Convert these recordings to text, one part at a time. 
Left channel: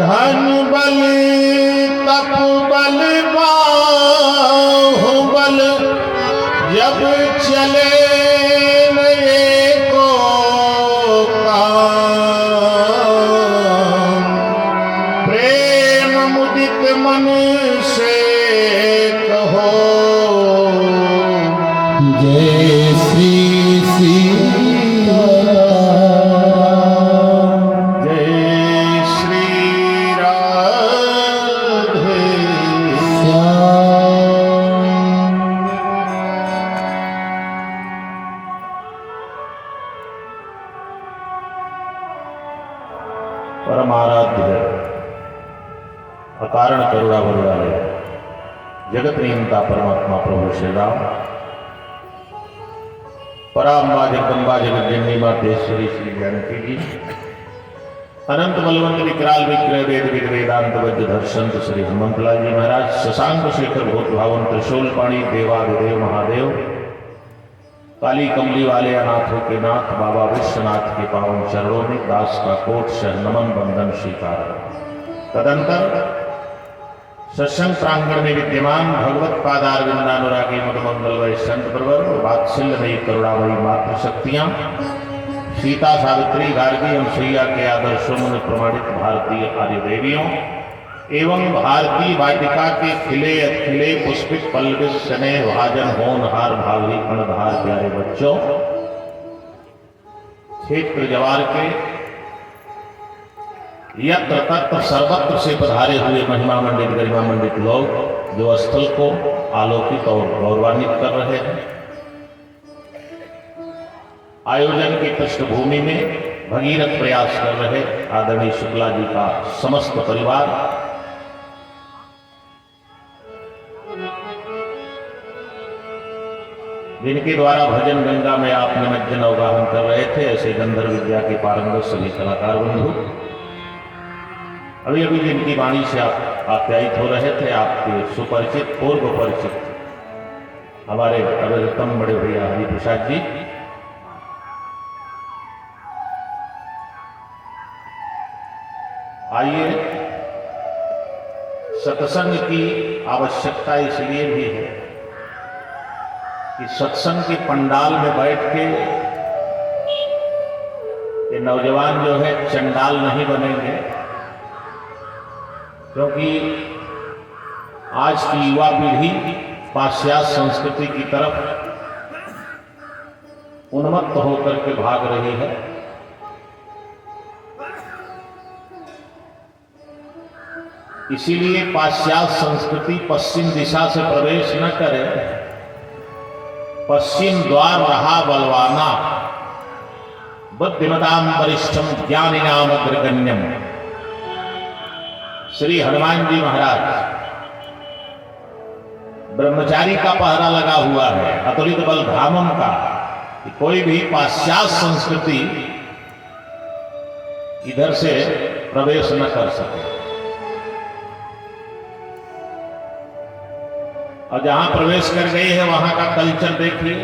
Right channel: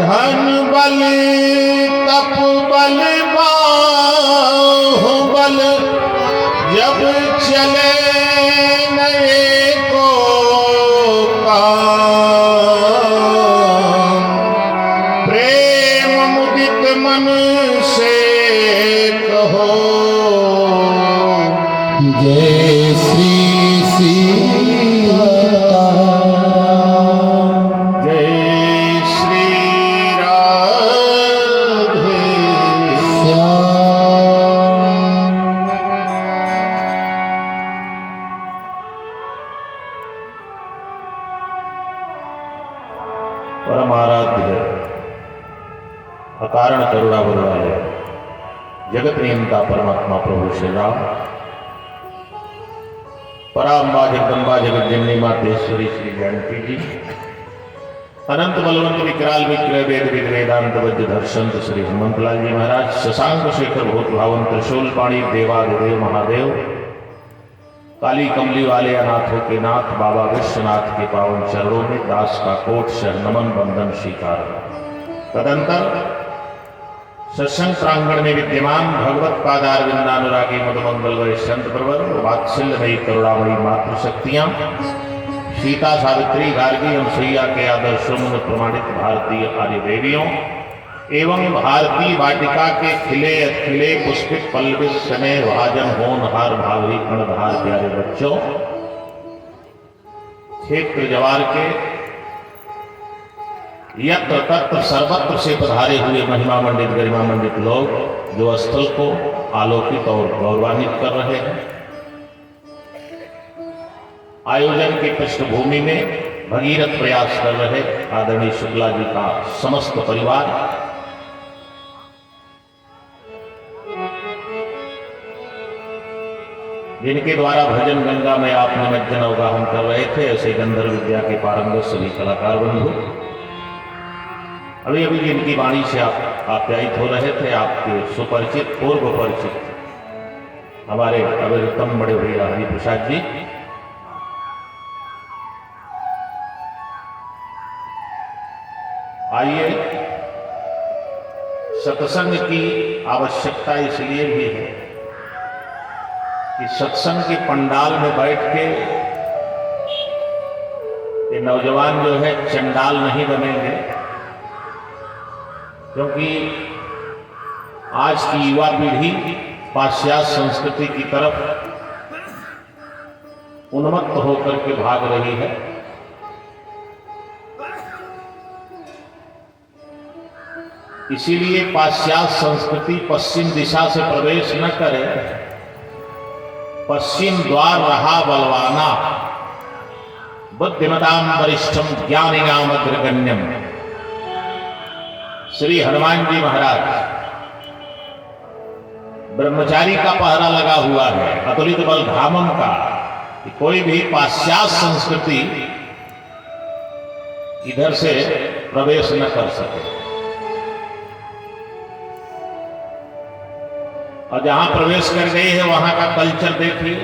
धन बल तप बल बाहुबल जब चले नए को काम, प्रेम मुदित मन से कहो जय श्री परमाराध्य अकारण करुणा बलवाले जगत नियंता परमात्मा प्रभु श्री राम, पराम्बा जगदम्बा जगत जननी मातेश्वरी श्री जानकी जी, अनंत बलवंत विकराल विक्रय वेद विग्रेदांत वज्र धर्षंत श्री हनुमंतलाल जी महाराज, शशांक शेखर भूत भावन त्रिशूल पाणी देवादिदेव महादेव, काली कमली वाले अनाथों के नाथ बाबा विश्वनाथ के पावन चरणों में दास का कोट शह नमन बंदन स्वीकार। तदंतर सत्संग प्रांगण में विद्यमान भगवत पादार वृंदानुरागी मधुमंगल वै संत प्रवर, वात्सल्यमयी करुणामयी मातृशक्तियां, सीता सावित्री गार्गी अनुसैया के आदर्शों में प्रमाणित भारतीय आर्य देवियों एवं भारतीय वाटिका के खिले अखिले पुष्पित पल्लवित स्नेह भाजन होनहार भावी अणधार प्यारे बच्चों, क्षेत्र जवार के यत्र तत्र सर्वत्र से पधारे हुए महिमा मंडित गरिमा मंडित लोग जो स्थल को आलोकित और गौरवान्वित कर रहे हैं, आयोजन की पृष्ठभूमि में भगीरथ प्रयास कर रहे आदरणीय शुक्ला जी का समस्त परिवार, जिनके द्वारा भजन गंगा में आप निमज्जन अवगाहन कर रहे थे, ऐसे गंधर्व विद्या के पारंगत सभी कलाकार बंधु, अभी अभी जिनकी वाणी से आप आप्यायित हो रहे थे, आपके सुपरिचित पूर्व परिचित हमारे अविरतम बड़े भैया हरि प्रसाद जी, आइए सत्संग की आवश्यकता इसलिए भी है कि सत्संग के पंडाल में बैठ के ये नौजवान जो है चंडाल नहीं बनेंगे, क्योंकि आज की युवा पीढ़ी पाश्चात्य संस्कृति की तरफ उन्मत्त होकर के भाग रही है। इसीलिए पाश्चात्य संस्कृति पश्चिम दिशा से प्रवेश न करे, पश्चिम द्वार रहा बलवाना, बुद्धिमताम वरिष्ठम ज्ञानिनाम अग्रगण्यम। श्री हनुमान जी महाराज, ब्रह्मचारी का पहरा लगा हुआ है अतुलित बल धामम का, कि कोई भी पाश्चात्य संस्कृति इधर से प्रवेश न कर सके, और जहां प्रवेश कर गई है वहां का कल्चर देखिए।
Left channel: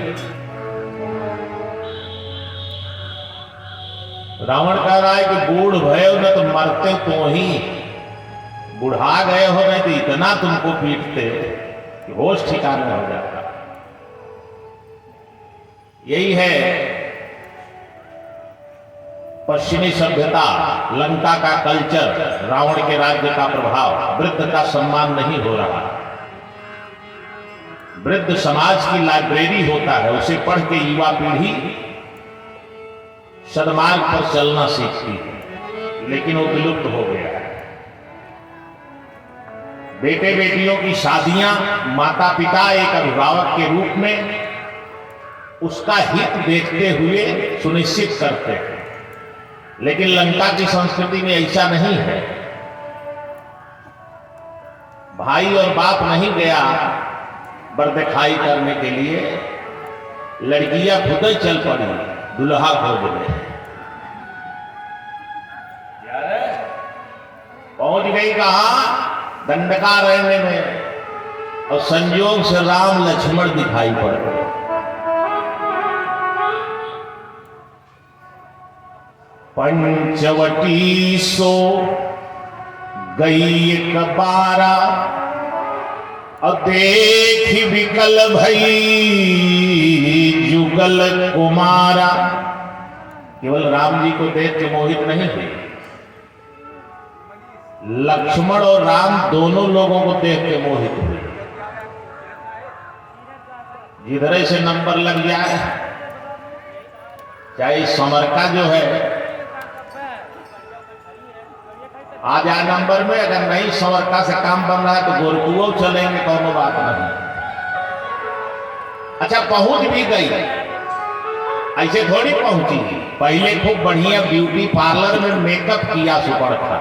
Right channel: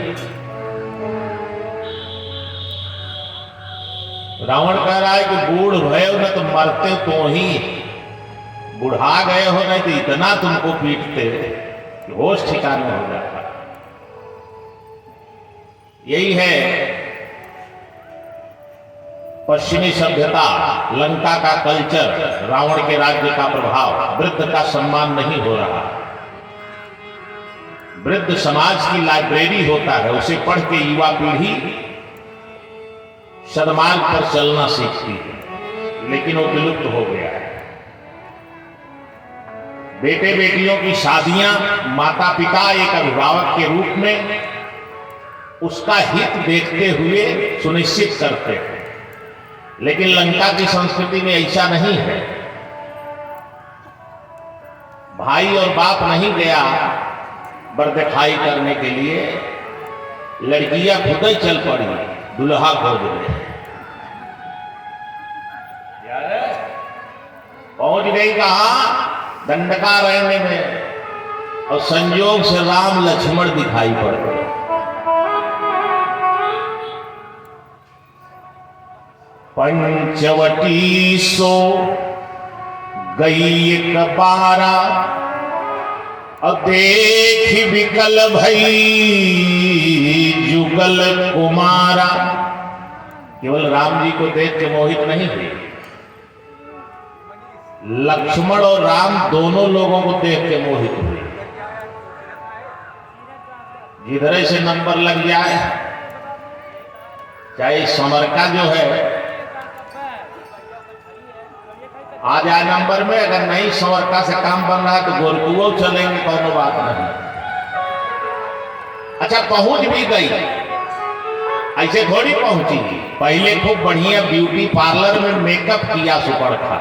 रावण कह रहा है कि बूढ़ भयो न तो मरते तो ही, बुढ़ा गए हो नहीं तो इतना तुमको पीटते कि होश ठिकाने हो जाता। यही है पश्चिमी सभ्यता, लंका का कल्चर, रावण के राज्य का प्रभाव। वृद्ध का सम्मान नहीं हो रहा। वृद्ध समाज की लाइब्रेरी होता है, उसे पढ़ के युवा पीढ़ी सन्मार्ग पर चलना सीखती है, लेकिन वो विलुप्त हो गया है। बेटे बेटियों की शादियां माता पिता एक अभिभावक के रूप में उसका हित देखते हुए सुनिश्चित करते हैं, लेकिन लंका की संस्कृति में ऐसा नहीं है। भाई और बाप नहीं गया बरदिखाई करने के लिए, लड़कियां खुद ही चल पड़ी दुल्हा खोजने। पहुंच गई कहा दंडकारण्य में, और संयोग से राम लक्ष्मण दिखाई पड़ गए। पंचवटी सो गई एक बारा और देख विकल भई जुगल कुमारा। केवल राम जी को देख के मोहित नहीं हुई, लक्ष्मण और राम दोनों लोगों को देख के मोहित हुए। जिधर से नंबर लग जाए, चाहे समर का जो है आ जाए नंबर में, अगर नहीं समरका से काम बन रहा है तो गोरकुओं चलेंगे, कोनो बात नहीं। अच्छा पहुंच भी गई, ऐसे थोड़ी पहुंची, पहले खूब बढ़िया ब्यूटी पार्लर में मेकअप किया सुपर्णखा।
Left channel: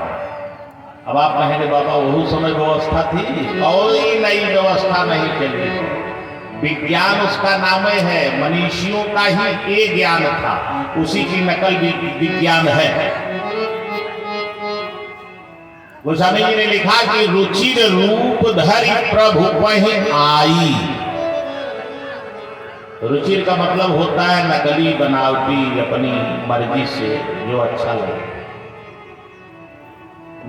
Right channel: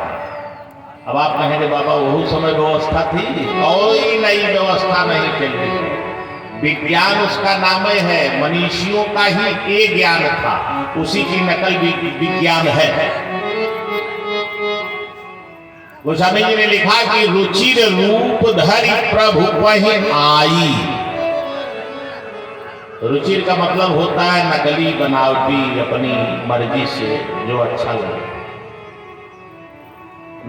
अब आप कहेंगे बाबा वही समय व्यवस्था थी, कोई नई व्यवस्था नहीं चली। विज्ञान उसका नाम है, मनीषियों का ही एक ज्ञान था, उसी की नकल विज्ञान है। गोस्वामी जी ने लिखा कि रुचिर रूप धरि प्रभु वहीं आई। रुचिर का मतलब होता है नकली बनावटी, अपनी मर्जी से जो अच्छा लगे।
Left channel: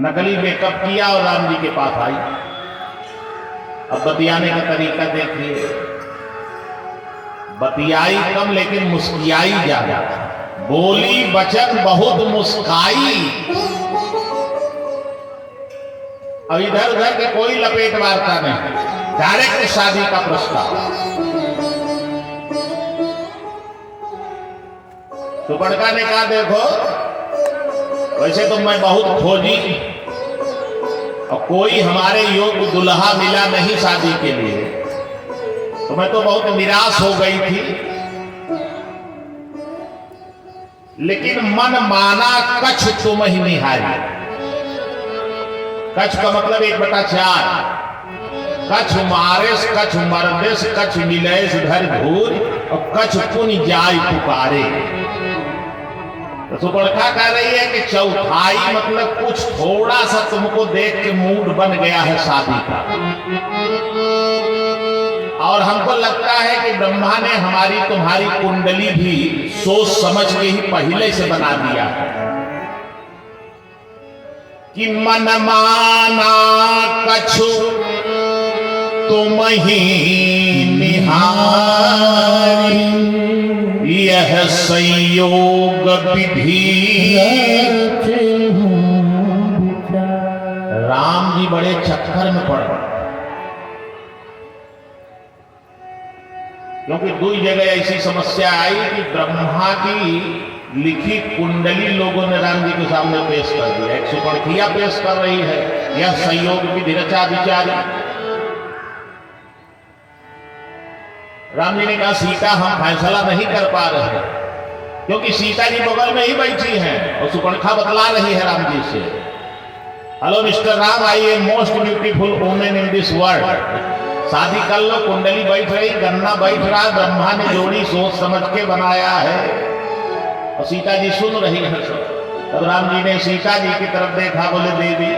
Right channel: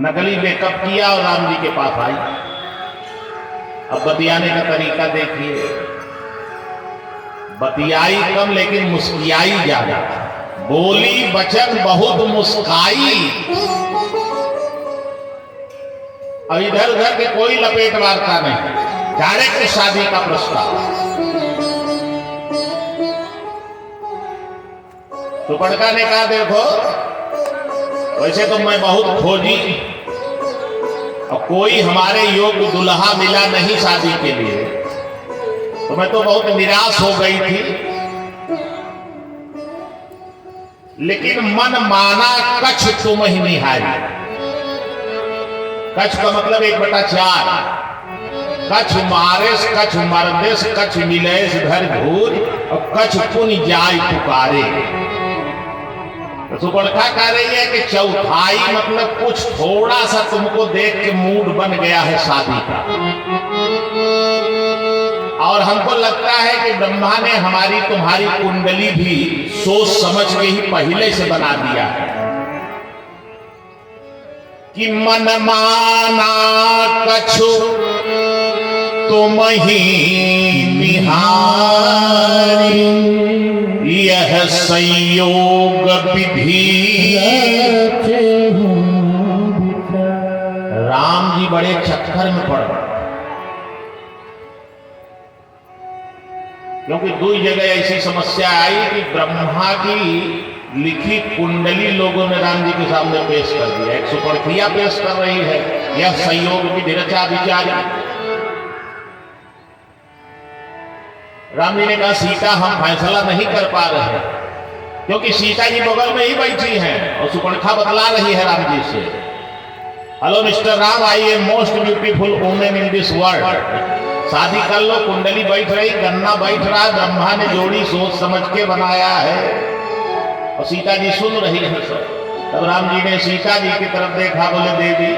नकली मेकअप किया और राम जी के पास आई। अब बतियाने का तरीका देखिए, बतियाई कम लेकिन मुस्कियाई ज्यादा, बोली वचन बहुत मुस्काई। अब इधर उधर के कोई लपेट वार्ता नहीं, डायरेक्ट शादी का प्रस्ताव। सुपर्णखा ने कहा देखो वैसे तो मैं बहुत खोजी और कोई हमारे योग्य दुल्हा मिला नहीं शादी के लिए, तो मैं तो बहुत निराश हो गई थी। लेकिन मन माना कछ तुम ही निहारी। कछ का मतलब 1/4, कछ मारेस कछ मर्देस कछ मिलेस धर घूर और कछ पुन जाय पुकारे। तो सुपर्णखा कह रही है कि चौथाई मतलब कुछ थोड़ा सा तुमको देख के मूड बन गया है शादी का, और हमको लगता है कि ब्रह्मा ने हमारी तुम्हारी कुंडली भी सोच समझ के ही पहले से बना दिया है कि मन माना कछु तुम ही निहारी, यह संयोग विधि। राम जी बड़े चक्कर में पड़ गए, क्योंकि दो जगह ऐसी समस्या आई कि ब्रह्मा की लिखी कुंडली लोगों ने राम जी के सामने पेश कर दिया। एक सुपर्णखा पेश कर रही है, यह संयोग विधि रचा विचारी। राम जी ने कहा सीता हम फैसला नहीं कर पा रहे, क्योंकि सीता जी बगल में ही बैठी हैं और सुपर्णखा बतला रही है राम जी से, hello mister Ram, I am most beautiful women in this world. शादी कर लो, कुंडली बैठ रही, गन्ना बैठ रहा, ब्रह्मा ने जोड़ी सोच समझ के बनाया है। और सीता जी सुन रही है सब। तब राम जी ने सीता जी की तरफ देखा, बोले देवी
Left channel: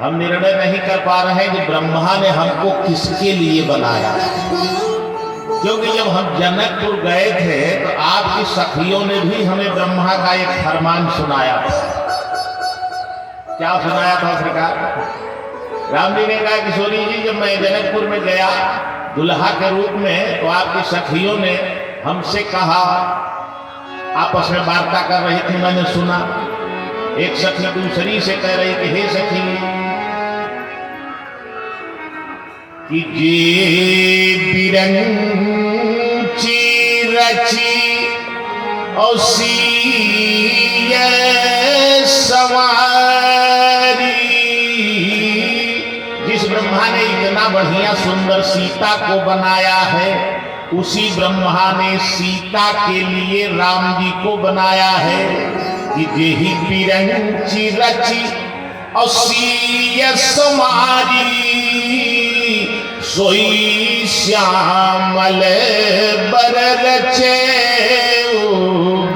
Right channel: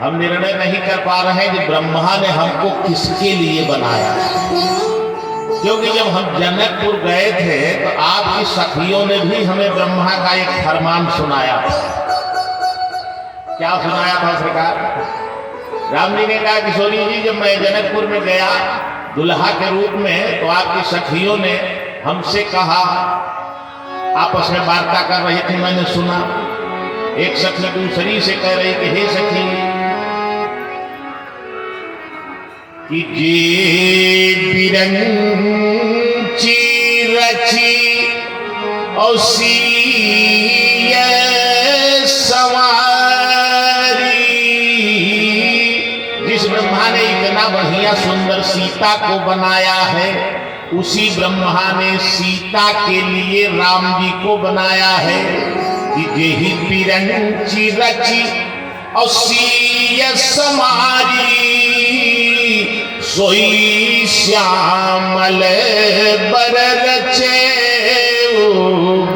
हम निर्णय नहीं कर पा रहे कि ब्रह्मा ने हमको किसके लिए बनाया, क्योंकि जब हम जनकपुर गए थे तो आपकी सखियों ने भी हमें ब्रह्मा का एक फरमान सुनाया था। क्या सुनाया था सरकार? राम जी ने कहा किशोरी जी जब मैं जनकपुर में गया दुल्हा के रूप में तो आपकी सखियों ने हमसे कहा, आपस में वार्ता कर रही थी, मैंने सुना एक सखी दूसरी से कह रही कि हे सखी कि जे बिरंची रची और सीय सवारी। जिस ब्रह्मा ने इतना बढ़िया सुंदर सीता को बनाया है, उसी ब्रह्मा ने सीता के लिए राम जी को बनाया है कि जेहि बिरंची रची और सीय समारी, सोई श्यामल बर रचे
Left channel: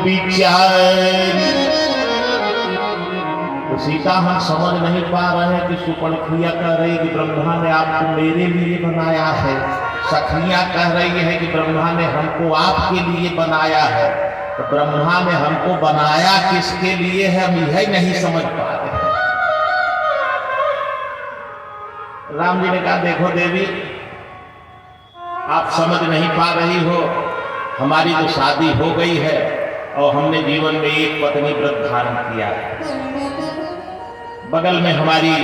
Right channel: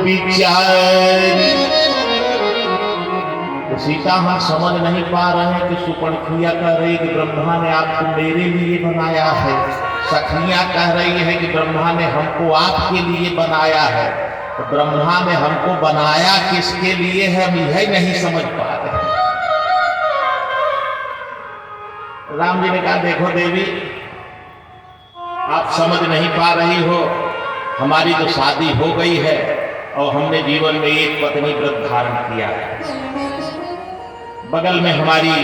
विचारी। तो सीता हम समझ नहीं पा रहे हैं कि सुपर्णखा कह रही कि ब्रह्मा ने आपको मेरे लिए बनाया है, सखियां कह रही है कि ब्रह्मा ने हमको आपके लिए बनाया है। तो ब्रह्मा ने हमको बनाया किसके लिए है, हम यह नहीं समझ पा रहे। राम जी ने कहा देखो देवी, आप समझ नहीं पा रही हो, हमारी तो शादी हो गई है और हमने जीवन में एक पत्नी व्रत धारण किया है। बगल में हमारी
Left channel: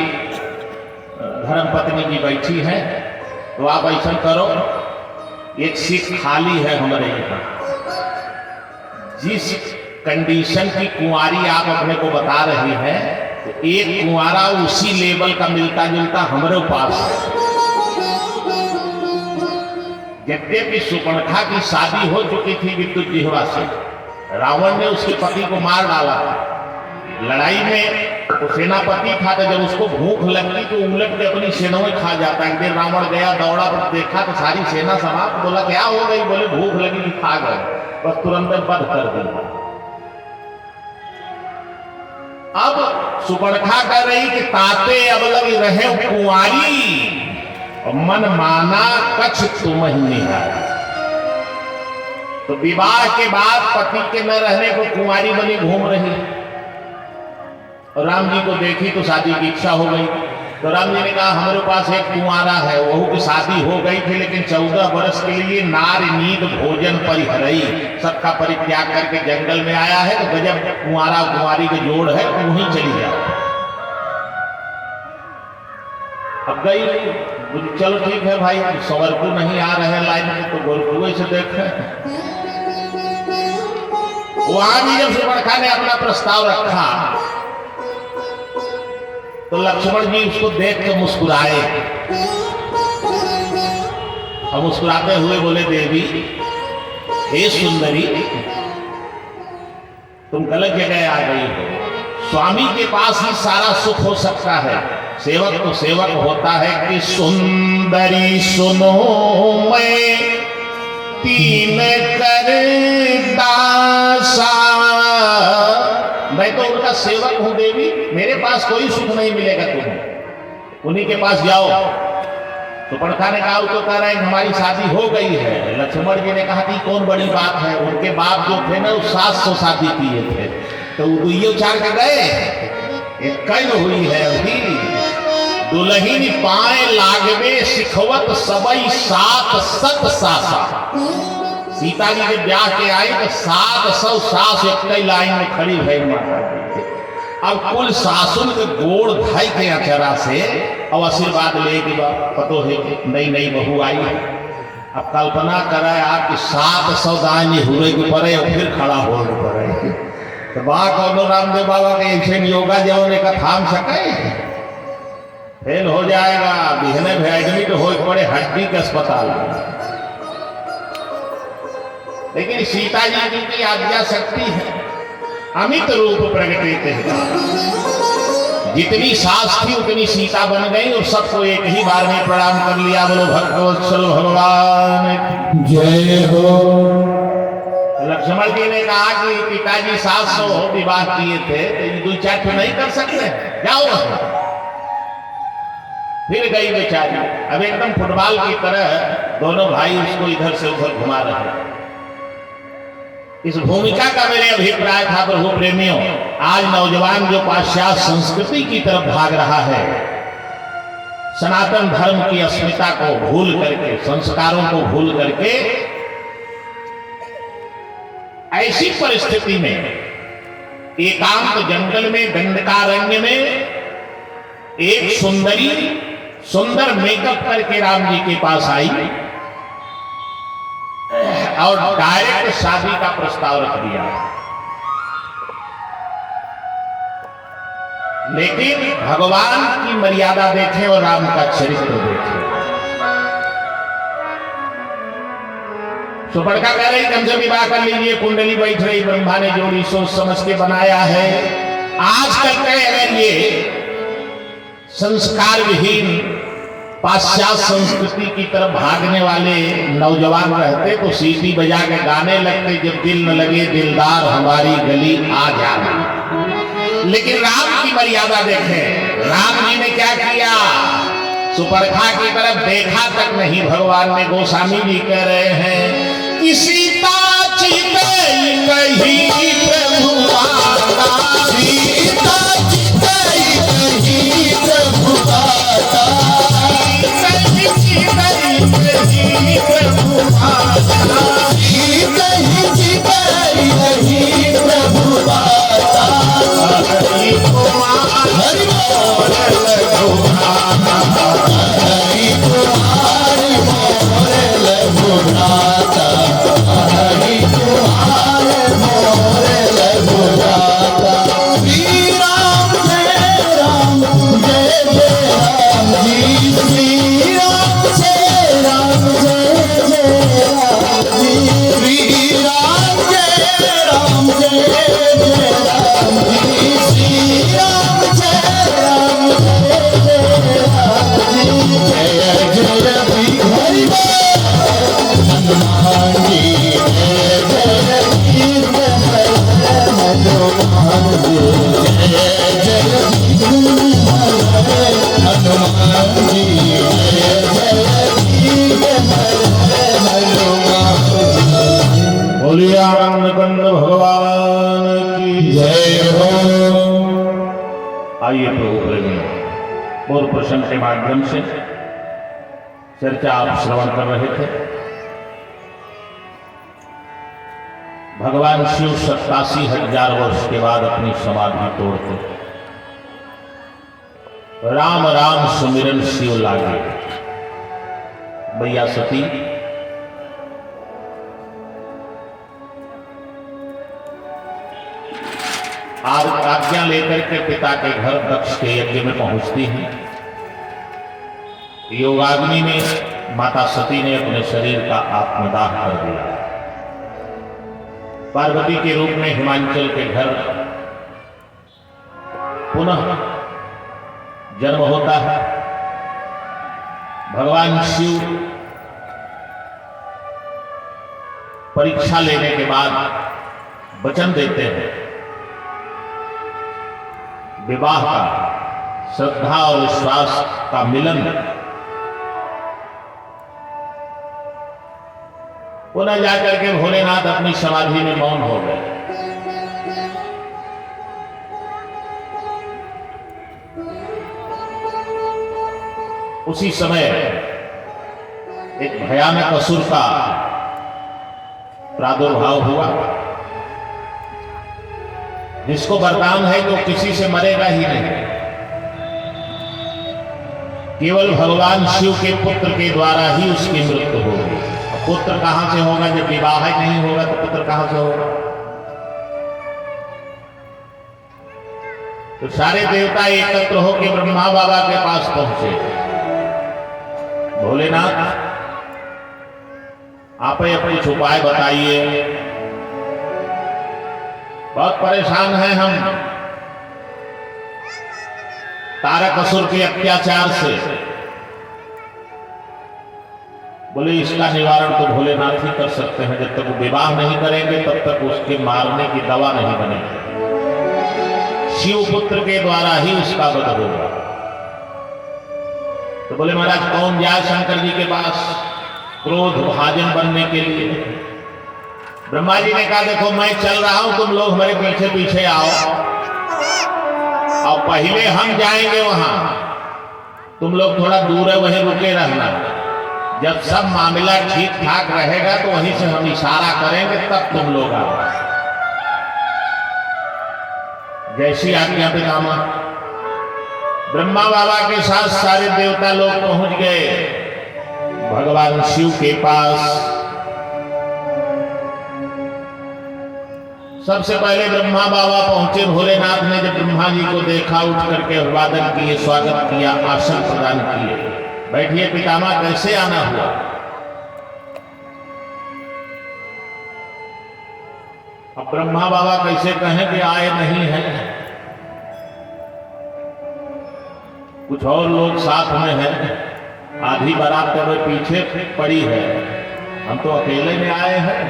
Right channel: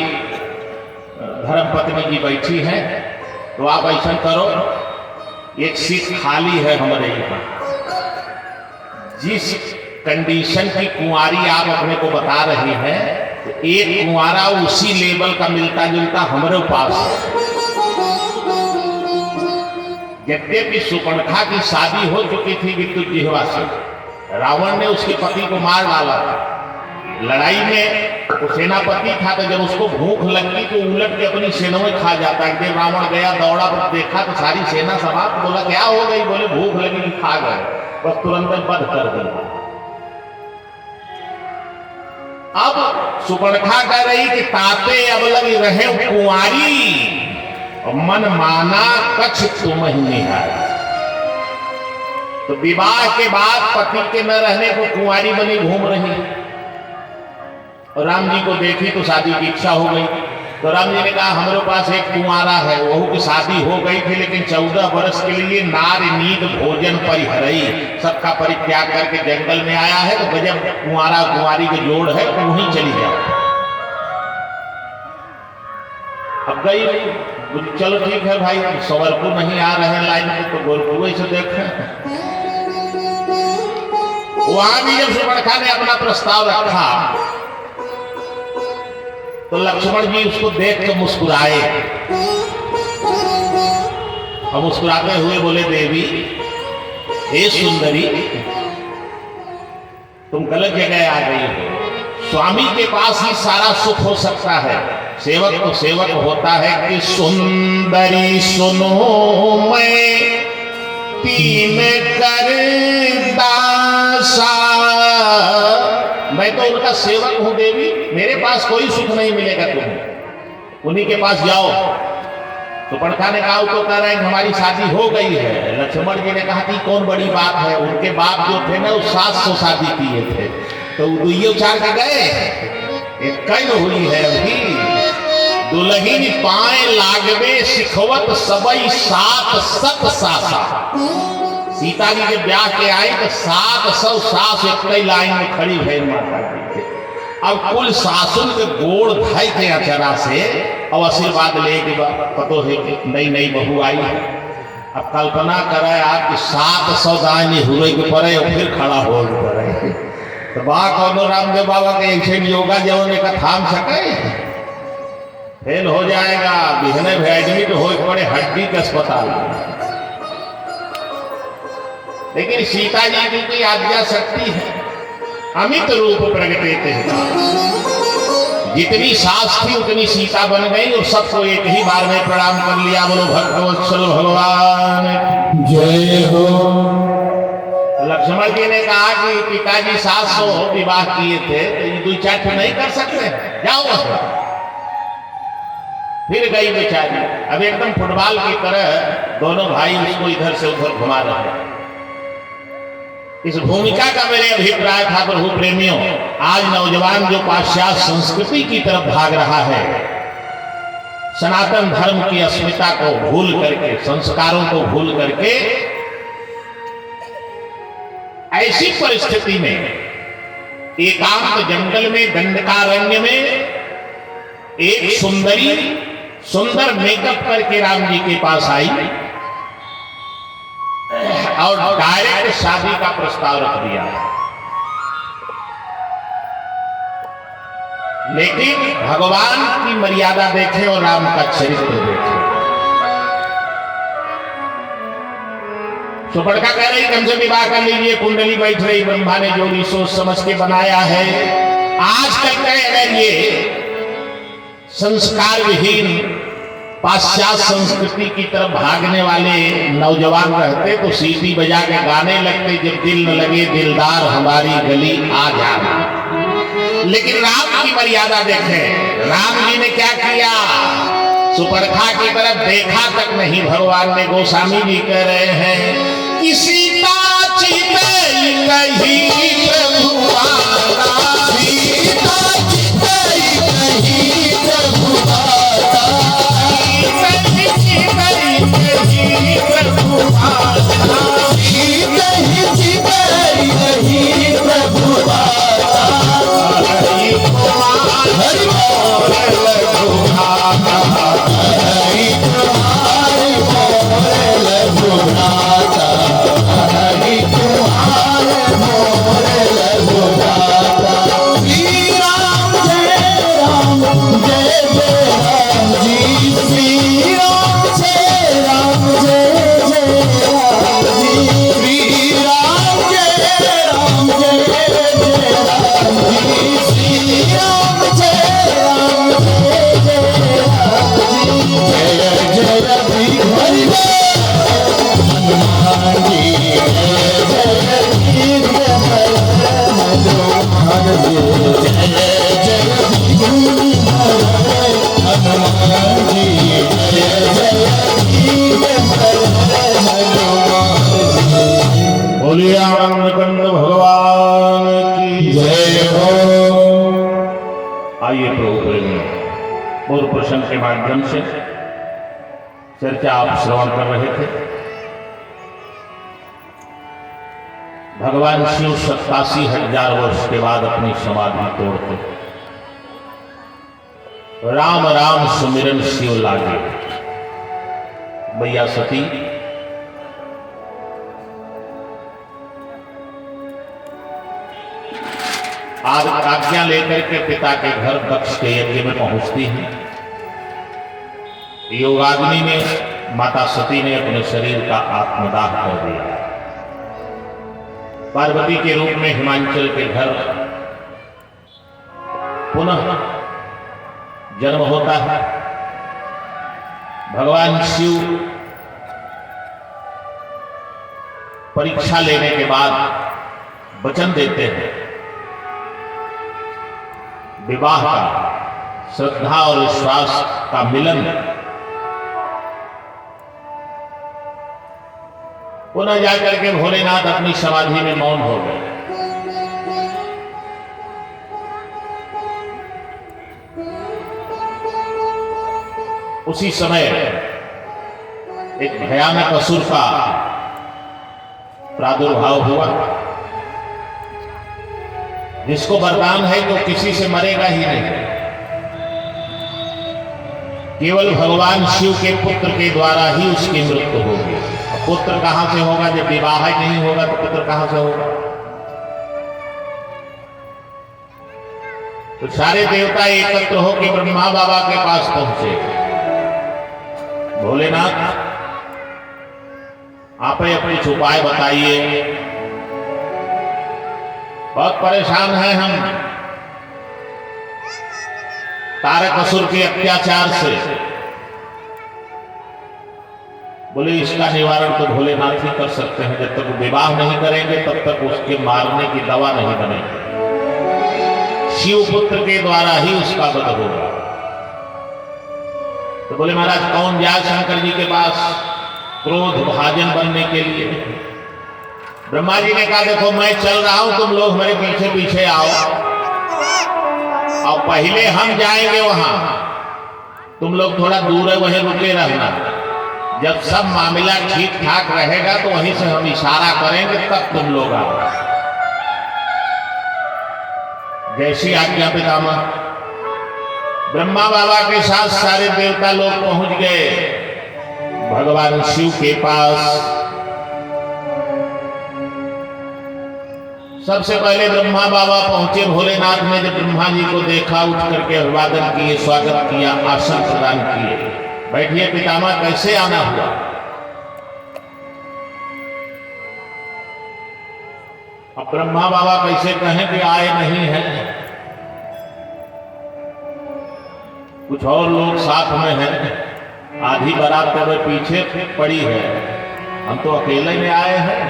धर्म पत्नी जी बैठी हैं, तो आप ऐसा करो, एक सीट खाली है हमारे यहाँ। जिस कंडीशन की कुंवारी आप अपने को बता रही हैं, तो एक कुंवारा उसी लेवल का मिलता जुलता हमारे पास है। यद्यपि सुपर्णखा की शादी हो चुकी थी विद्युत जिह्वा से, रावण ने उसके पति को मार डाला था। लड़ाई में वो सेनापति था, तो जब उसको भूख लगती तो उलट के अपनी सेनाएं खा जाता। एक दिन रावण गया, दौड़ा, देखा तो सारी सेना समाप्त। बोला क्या हो गई? बोले भूख लगी, खा गए, बस तुरंत वध कर दिया। अब सुपर्णखा कह रही कि ताते अब लगी रहे कुंवारी, मन माना कछ तुम ही है। तो विवाह के बाद पति के न रहने को कुंवारी बनी घूम रही। और राम जी को देखी तो शादी की इच्छा हो गई। तो राम जी ने कहा हमारे पास एक कुंवारा है, वहू की शादी हो गई थी, लेकिन 14 वर्ष के लिए नार नींद भोजन परिहरई, सबका परित्याग करके जंगल में आया है। तो गजब कुंवारा कुंवारी के जोड़ है, तो वहीं चली जाओ। अब गई, चलो ठीक है भाई, सवरकू नहीं आ रहे हैं लाइन में, तो गोरकुए से देखें। वहां भी जब सुपर्णखा ने अपना प्रस्ताव रखा, तो लक्ष्मण जी उसको देख के मुस्कुराए। और मुस्कुराते हुए बोले देवी, हे सुंदरी, तुम गलत जगह आ गई हो। स्वामी के पास ही सारा सुख हो सकता है। सेवक तो सेवक होता है कि सुंदरी सुनो मैं तीन कर दासा। मैं तो उनका सेवक हूं देवी, मेरे पास कोई सुख नहीं मिलेगा, तुम्हें उन्हीं के पास जाओ। तो सुपर्णखा ने कहा तो कह रहे हैं हमारी शादी हो गई है। लक्ष्मण जी ने कहा कि कौन बड़ी बात है, उनके बाप जो थे ना वो 700 शादी किए थे, तो दुइयो चार के गए, एक कैन हुई है अभी। दुल्हिन पाए लागवे सिखवत सबई 7 सत सासा। सीता जी के ब्याह के आई तो 700 सास एक लाइन में खड़ी भई माता जी। अब कुल सासुन के गोड़ धाई के अचरा से और आशीर्वाद ले कि पतो है कि नई नई बहू आई है। अब कल्पना करे आप 700 दाएं हुए के पड़े और फिर खड़ा हो पड़े, तो बा कौनो रामदेव बाबा के ऐसे योगा जवाने का थाम सके, फेल हो जाएगा। बिहने भी एडमिट हो पड़े हड्डी के अस्पताल में। लेकिन सीता जी की आज्ञा शक्ति है, अमित रूप प्रगटे हैं। जितनी सास थी उतनी सीता बन गई और सबको एक ही बार में प्रणाम कर लिया। बोलो भक्तवत्सल भगवान जय हो। लक्ष्मण जी ने कहा कि पिताजी 700 विवाह किए थे, तो 2-4 नहीं कर सकते, जाओ बस। फिर गई बेचारी। अब एकदम फुटबॉल की तरह दोनों भाई उसको इधर से उधर घुमा रहे। इस भूमिका का मेरे अभिप्राय था प्रभु प्रेमियों, आज नौजवान जो पाश्चात्य संस्कृति की तरफ भाग रहा है, सनातन धर्म की अस्मिता को भूल करके, संस्कारों को भूल करके, ऐसी परिस्थिति में एकांत जंगल में दंडकारण्य में एक सुंदरी सुंदर मेकअप करके राम जी के पास आई और डायरेक्ट शादी का प्रस्ताव रख दिया। लेकिन भगवान की मर्यादा देखें और राम का चरित्र देखें। सुपर्णखा कह रही हमसे विवाह कर लीजिए, कुंडली बैठ रही, ब्रह्मा ने जोड़ी सोच समझ के बनाया है। आजकल का अगर ये संस्कार विहीन पाश्चात्य संस्कृति की तरफ भागने वाले नौजवान रहते तो सीटी बजा के गाने लगते, जब दिल न लगे दिलदार हमारी गली आ जाना। लेकिन राम की मर्यादा देखें, राम जी ने क्या किया, सुपर्णखा की तरफ देखा तक नहीं। भगवान ने, गोस्वामी जी कह रहे हैं कि सीता चिते कहीं प्रभु आता, सीता चिते कहीं प्रभु आता। बोलिए आनंद कंद भगवान की जय हो। आइए प्रभु प्रेमियों, पूर्व प्रसंग के माध्यम से चर्चा आप श्रवण कर रहे थे। भगवान शिव 87,000 वर्ष के बाद अपनी समाधि तोड़ते राम राम सुमिरन शिव लागे। भैया सती आज आज्ञा लेकर के पिता के घर दक्ष के यज्ञ में पहुंचती हैं। योगाग्नि में माता सती ने अपने शरीर का आत्मदाह कर दिया। पार्वती के रूप में हिमांचल के घर पुनः जन्म होता है। भगवान शिव परीक्षा लेने के बाद वचन देते हैं विवाह का, श्रद्धा और विश्वास का मिलन। पुनः जाकर के भोलेनाथ अपनी समाधि में मौन हो गए। उसी समय एक भयानक असुर का प्रादुर्भाव हुआ, जिसको वरदान है तो किसी से मरेगा ही नहीं। केवल भगवान शिव के पुत्र के द्वारा ही उसकी मृत्यु होगी। अब पुत्र कहां से होगा? जब विवाह ही नहीं होगा तो पुत्र कहां से होगा? तो सारे देवता एकत्र होकर ब्रह्मा बाबा के पास पहुंचे। भोलेनाथ, आप कुछ उपाय बताइए, बहुत परेशान हैं हम तारक असुर के अत्याचार से। बोले इसका निवारण तो भोलेनाथ ही कर सकते हैं। जब तक विवाह नहीं करेंगे तब तक उसके मारने की दवा नहीं बनेगी। शिव पुत्र के द्वारा ही उसका वध होगा। तो बोले महाराज कौन जाए शंकर जी के पास क्रोध भाजन बनने के लिए? ब्रह्मा जी ने कहा देखो मैं चल रहा हूं, तुम लोग मेरे पीछे पीछे आओ और पहले हम जाएंगे वहां, तुम लोग थोड़ा दूर है वहीं रुके रहना। जब सब मामला ठीक ठाक रहेगा तो वहीं से हम इशारा करेंगे, तब तुम लोग आओ। जैसी आज्ञा पितामह। ब्रह्मा बाबा के साथ सारे देवता लोग पहुंच गए भगवान शिव के पास। सबसे पहले ब्रह्मा बाबा पहुंचे। भोलेनाथ ने जब ब्रह्मा जी को देखा, उठ करके अभिवादन किए, स्वागत किया, आसन प्रदान किए। बैठिए पितामह, कैसे आना हुआ? अब ब्रह्मा बाबा कैसे कहें कि आए नहीं है, कुछ और लोग साथ में हैं, आधी बारात मेरे पीछे पड़ी है, हम तो अकेले में आए हैं।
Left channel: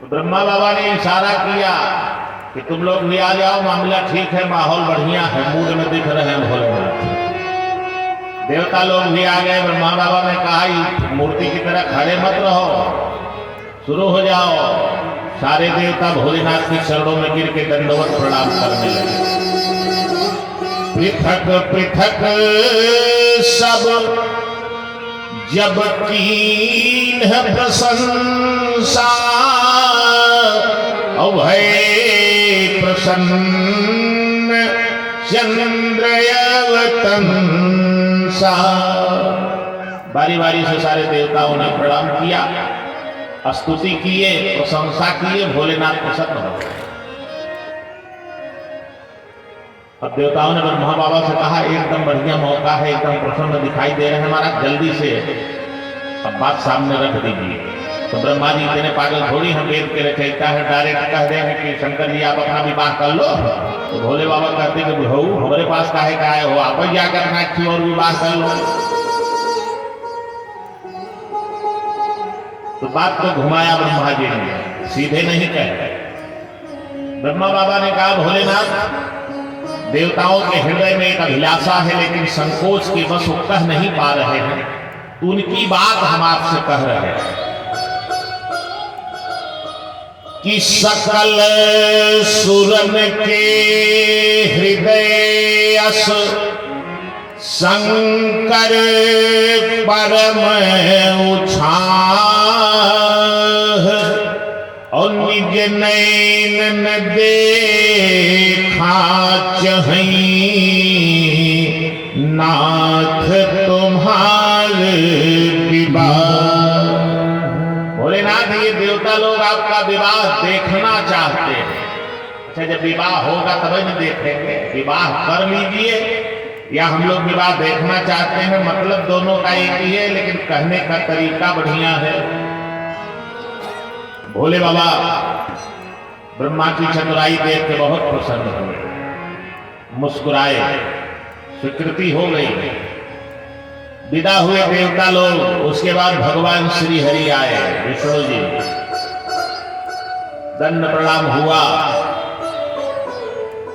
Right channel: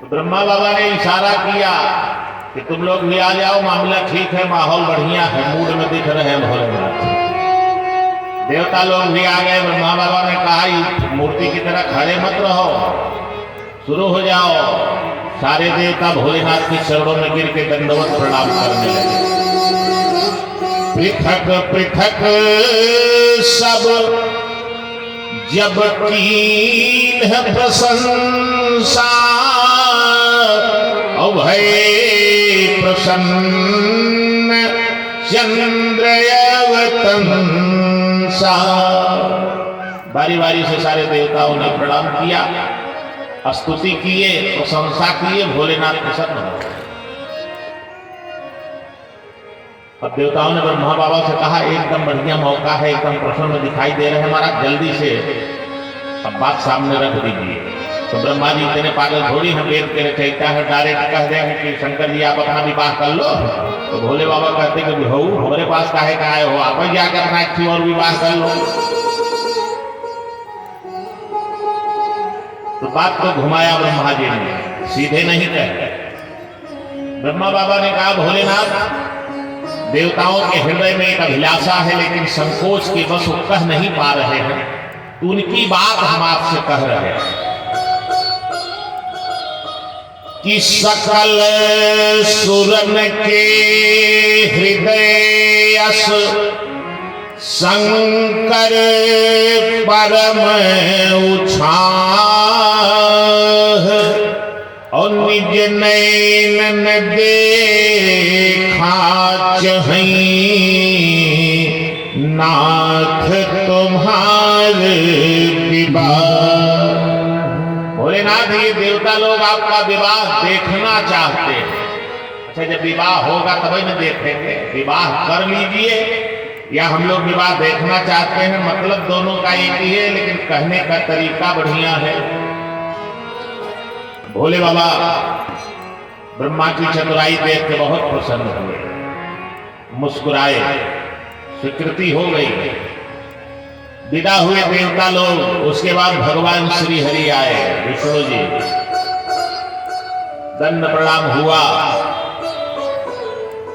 तो ब्रह्मा बाबा ने इशारा किया कि तुम लोग भी आ जाओ, मामला ठीक है, माहौल बढ़िया है, मूड में दिख रहे हैं भोलेनाथ। देवता लोग भी आ गए। ब्रह्मा बाबा ने कहा मूर्ति की तरह खड़े मत रहो, शुरू हो जाओ। सारे देवता भोलेनाथ के चरणों में गिर के दंडवत प्रणाम करने लगे। पृथक पृथक सब जब कीन प्रशंसा, भय प्रसन्न चंद्रयवतंसा। बारी बारी से सारे देवताओं ने प्रणाम किया, स्तुति किए, प्रशंसा किए, भोलेनाथ प्रसन्न हो। अब देवताओं ने ब्रह्मा बाबा से कहा एकदम बढ़िया मौका है, एकदम प्रसन्न दिखाई दे रहे हैं महाराज, जल्दी से अब बात सामने रख दीजिए। तो ब्रह्मा जी इतने पागल थोड़ी हम देख के रचयिता है, डायरेक्ट कह रहे हैं कि शंकर जी आप अपना विवाह कर लो। तो भोले बाबा कहते कि भाऊ हमारे पास काहे का आए हो, आप ही जाकर अपना क्यों और विवाह कर लो। तो बात को घुमाया ब्रह्मा जी ने, सीधे नहीं कहे। ब्रह्मा बाबा ने कहा भोलेनाथ देवताओं के हृदय में एक अभिलाषा है, लेकिन संकोच के बस वो कह नहीं पा रहे हैं, तो उनकी बात हम आपसे कह रहे हैं कि सकल सुरन के हृदय अस शंकर परम उछाह, और निज नैन देखा चहीं नाथ तुम्हारे विवाह। भोलेनाथ ये देवता लोग आपका विवाह देखना चाहते हैं। अच्छा जब विवाह होगा तभी न देखेंगे, विवाह कर लीजिए या हम लोग विवाह देखना चाहते हैं, मतलब दोनों का एक ही है, लेकिन कहने का तरीका बढ़िया है। भोले बाबा ब्रह्मा की चतुराई देख के बहुत प्रसन्न हुए, मुस्कुराए, स्वीकृति हो गई, विदा हुए देवता लोग। उसके बाद भगवान श्री हरि आए, विष्णु जी, दंड प्रणाम हुआ।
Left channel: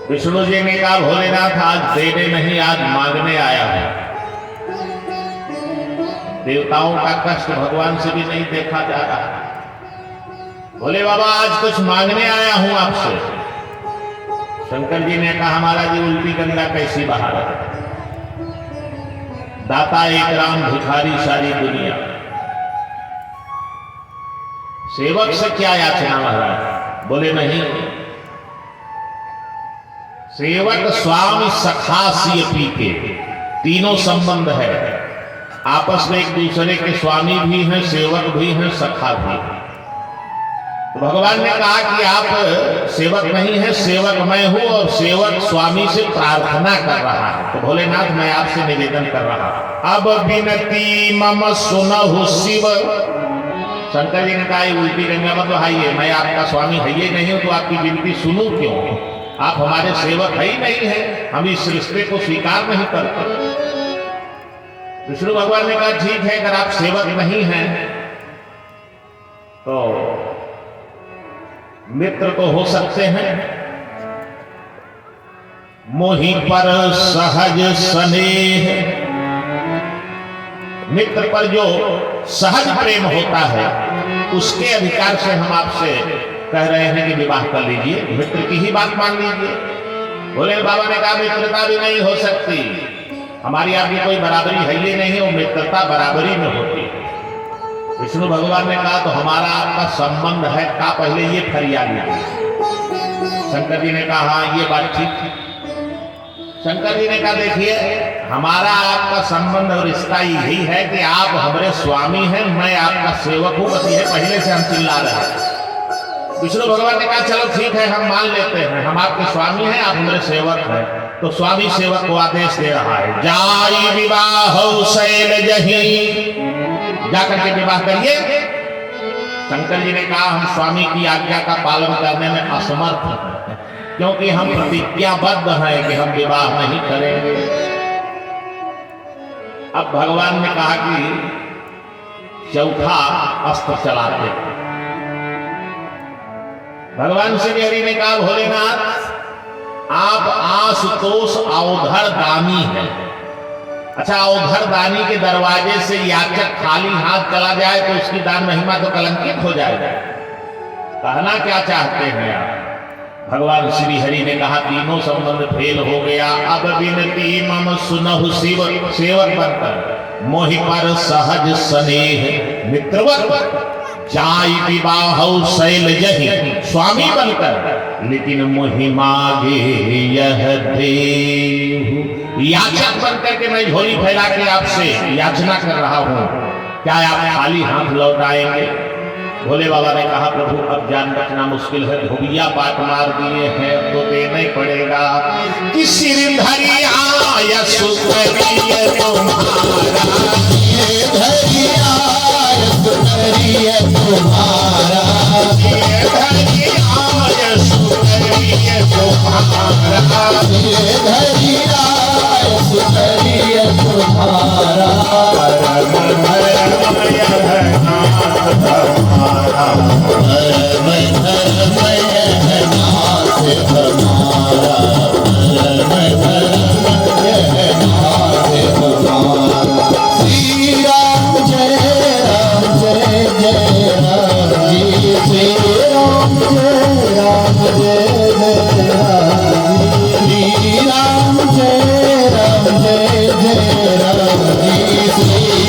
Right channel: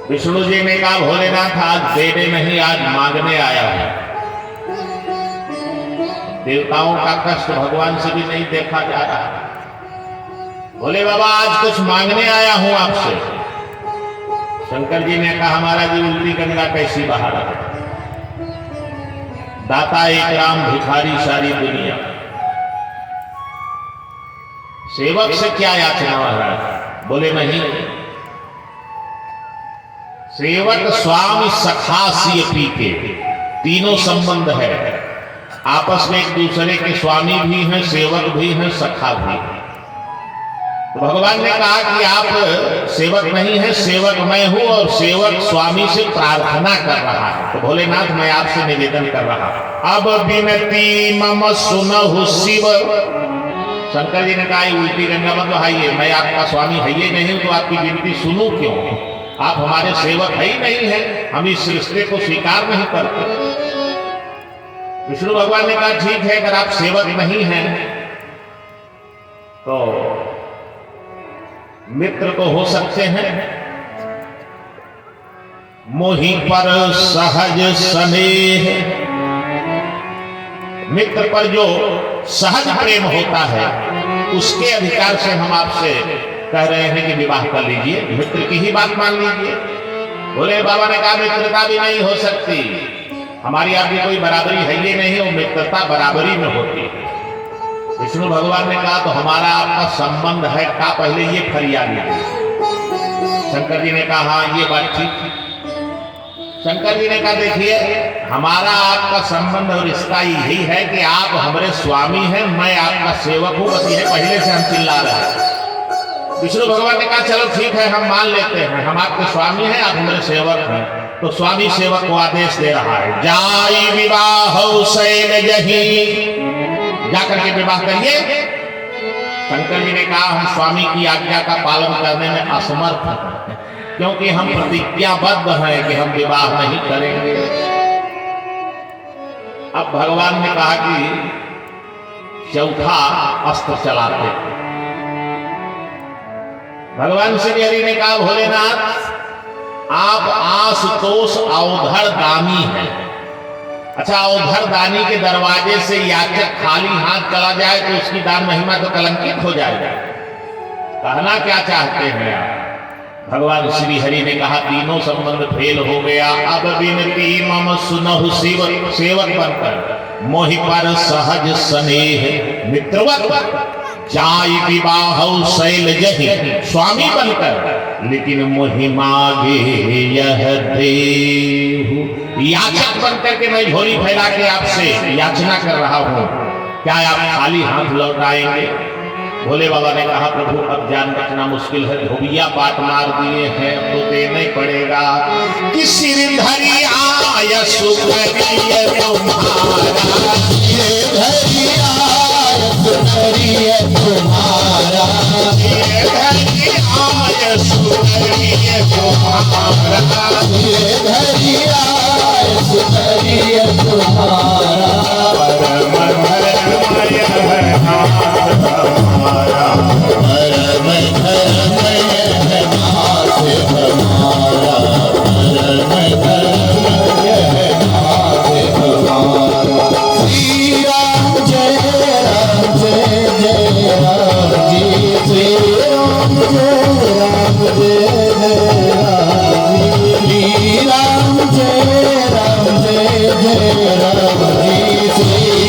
विष्णु जी ने कहा भोलेनाथ आज देने नहीं, आज मांगने आया हूं। देवताओं का कष्ट भगवान से भी नहीं देखा जा रहा। बोले बाबा आज कुछ मांगने आया हूं आपसे। शंकर जी ने कहा महाराज जी उल्टी गंगा कैसी बहा रहा, दाता एक राम भिखारी सारी दुनिया, सेवक से क्या याचना महाराज। बोले नहीं, सेवक स्वामी सखा सिय पी के, तीनों संबंध है आपस में, एक दूसरे के स्वामी भी हैं, सेवक भी हैं, सखा भी हैं। तो भगवान ने कहा कि आप सेवक नहीं है, सेवक मैं हूं, और सेवक स्वामी से प्रार्थना कर रहा है। तो भोलेनाथ मैं आपसे निवेदन कर रहा हूं, अब विनती मम सुनहु शिव। शंकर जी ने कहा उल्टी गंगा मत बहाइए, मैं आपका स्वामी है ही नहीं हूं, तो आपकी विनती सुनूं क्यों, आप हमारे सेवक है ही नहीं है, हम इस रिश्ते को स्वीकार नहीं करते। विष्णु भगवान ने कहा ठीक है, अगर आप सेवक नहीं हैं तो मित्र तो हो सकते हैं। मोहि पर सहज स्नेह, मित्र पर जो सहज प्रेम होता है उसके अधिकार से हम आपसे कह रहे हैं कि विवाह कर लीजिए, मित्र की ही बात मान लीजिए। बोले बाबा ने कहा मित्रता भी नहीं हो सकती, हमारी आपकी कोई बराबरी है ही नहीं, वो मित्रता बराबरी में होती है। विष्णु भगवान ने कहा तो हमारा आपका संबंध है का, पहले ये फरियाद लीजिए। शंकर जी ने कहा हाँ ये बात ठीक है। शंकर जी ने कहा देखिए हमारा आपका संबंध और रिश्ता यही है कि आप हमारे स्वामी हैं, मैं आपका सेवक हूं, बस ये पहले से हम चिल्ला रहे हैं। विष्णु भगवान ने कहा चलो ठीक है हम मान लेते हैं, हम आपके स्वामी हैं, आप हमारे सेवक हैं। तो स्वामी सेवक को आदेश दे रहा है जाई विवाह शैल जही, जाकर के विवाह करिए। शंकर जी ने कहा हम स्वामी की आज्ञा का पालन करने में असमर्थ हैं, क्योंकि हम प्रतिज्ञाबद्ध हैं कि हम विवाह नहीं करेंगे। अब भगवान ने कहा कि चौथा अस्त्र चलाते। भगवान श्री हरि ने कहा भोलेनाथ आप आशुतोष अवधर दानी हैं। अच्छा अवधर दानी के दरवाजे से याचक खाली हाथ चला जाए तो उसकी दान महिमा तो कलंकित हो जाएगा। कहना क्या चाहते हैं आप? भगवान श्री हरि ने कहा तीनों संबंध फेल हो गया, अब विनती मम सुनहु शिव, सेवक बनकर मोहि पर सहज स्नेह मित्रवत जाई विवाह शैल जहि, स्वामी बनकर लेकिन मोहि मांगे यह देहु। याचक बनकर के मैं झोली फैला के आपसे याचना कर रहा हूं, क्या आप खाली हाथ लौट आएंगे? भोले बाबा ने कहा प्रभु अब जान बचना मुश्किल है, धोबिया पाट मार दिए हैं, अब तो देना ही पड़ेगा। कि सिर धरी आया सुख करिए तुम्हारा, ये धरी आया सुख करिए तुम्हारा, ये धरी आया सुख करिए तुम्हारा।